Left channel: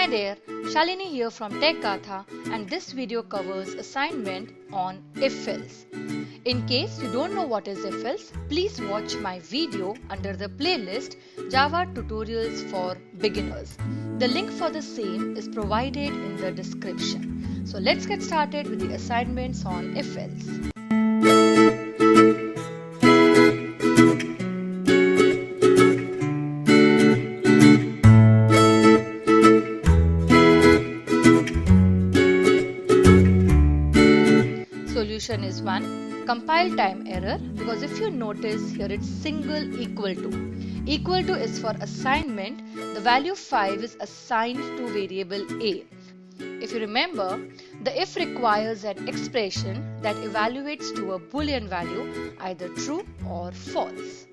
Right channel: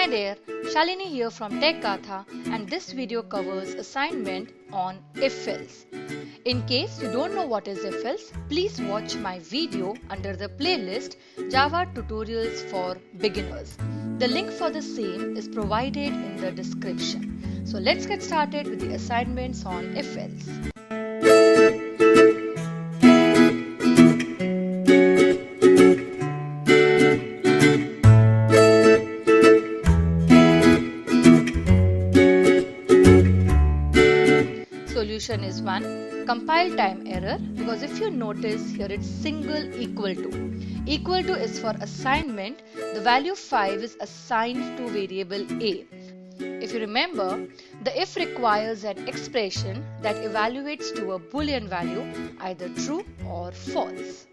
Hi there, Shalini here from Tech Gatha, and this video covers assignment on IfElse. In case you don't know what is IfElse, please watch my video under the playlist Java Tutorials for Beginners. The link for the same is provided in the description. So let's get started with the assignments on IfElse. Solution is 1. Compile time error, because if you notice here it's single equal to. Equal to is for assignment. The value 5 is assigned to variable A. If you remember, the if requires an expression that evaluates to a boolean value, either true or false.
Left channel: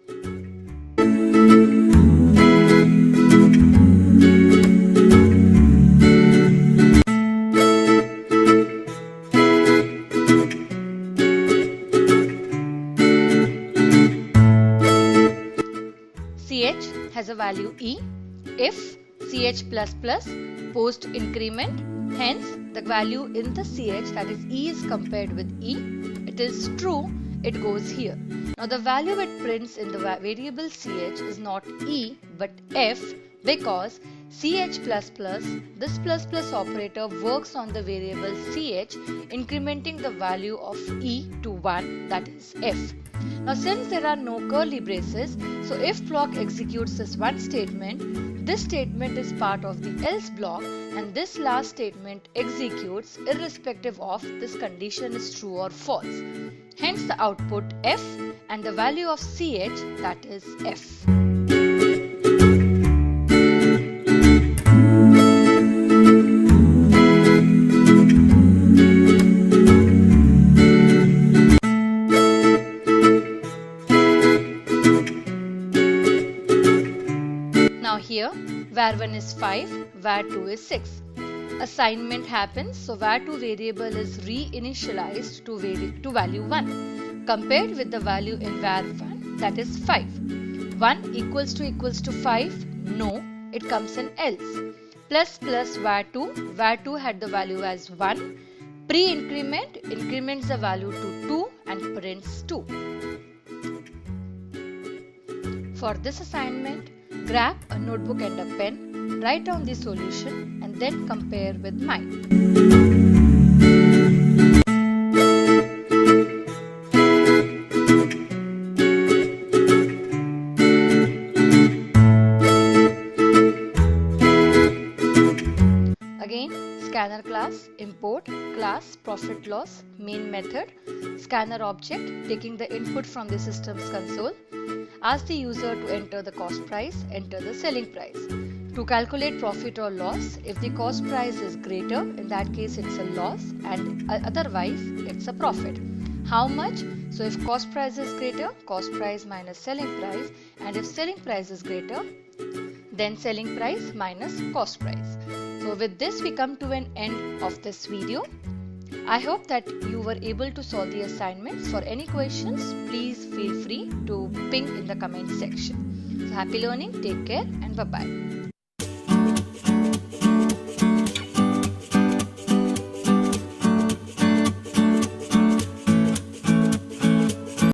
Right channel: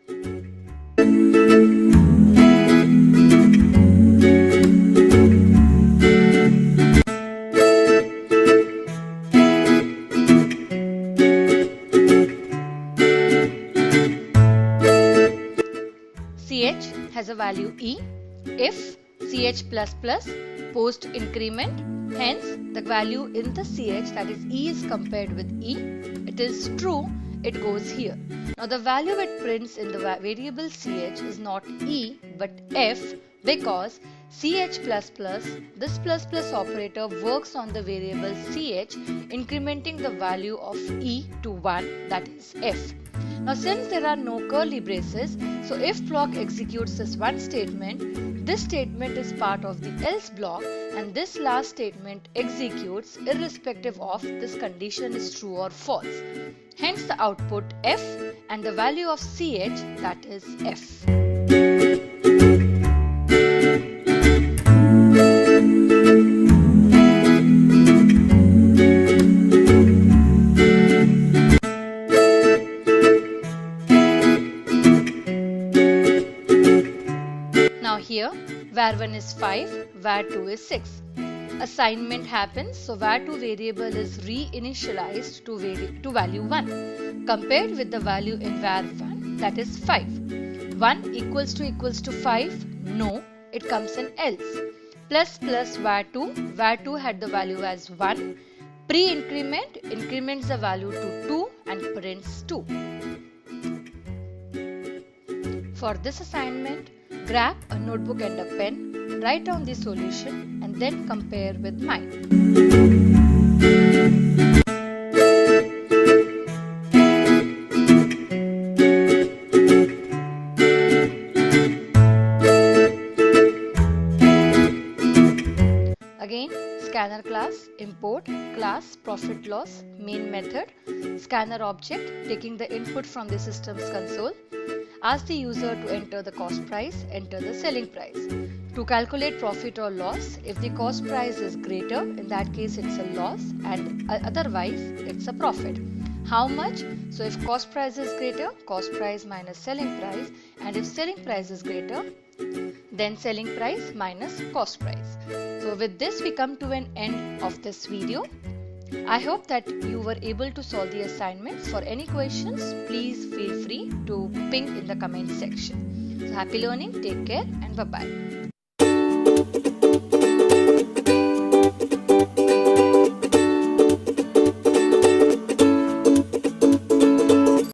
ch has a value e if ch++ post increment, hence the value in the ch, that is e, is compared with e. It is true, it goes here. Now the value it prints in the variable ch is not e but f, because ch++, this ++ operator works on the variable ch, incrementing the value of e to 1, that is f. Now since there are no curly braces, so if block executes this one statement, this statement is part of the else block, and this last statement executes irrespective of this condition is true or false. Hence the output f and the value of ch, that is f. Now here, var1 is 5, var2 is 6. Assignment happens, so var2 variable is reinitialized to value 1, compared with the value in var1, that is 5. 1 equals to 5? No, it comes in else. Plus var2 had the value as 1. Pre-increment increments the value to 2 and prints 2. For this assignment, grab a notebook and a pen, write down the solution and then compare with mine. Again, scanner class, import, class, profit loss, main method, scanner object taking the input from the system's console. Ask the user to enter the cost price, enter the selling price. To calculate profit or loss, if the cost price is greater, in that case it's a loss, and otherwise it's a profit. How much? So if cost price is greater, cost price minus selling price, and if selling price is greater, then selling price minus cost price. So with this we come to an end of this video. I hope that you were able to solve the assignments. For any questions, please feel free to ping in the comment section. So happy learning, take care and bye-bye.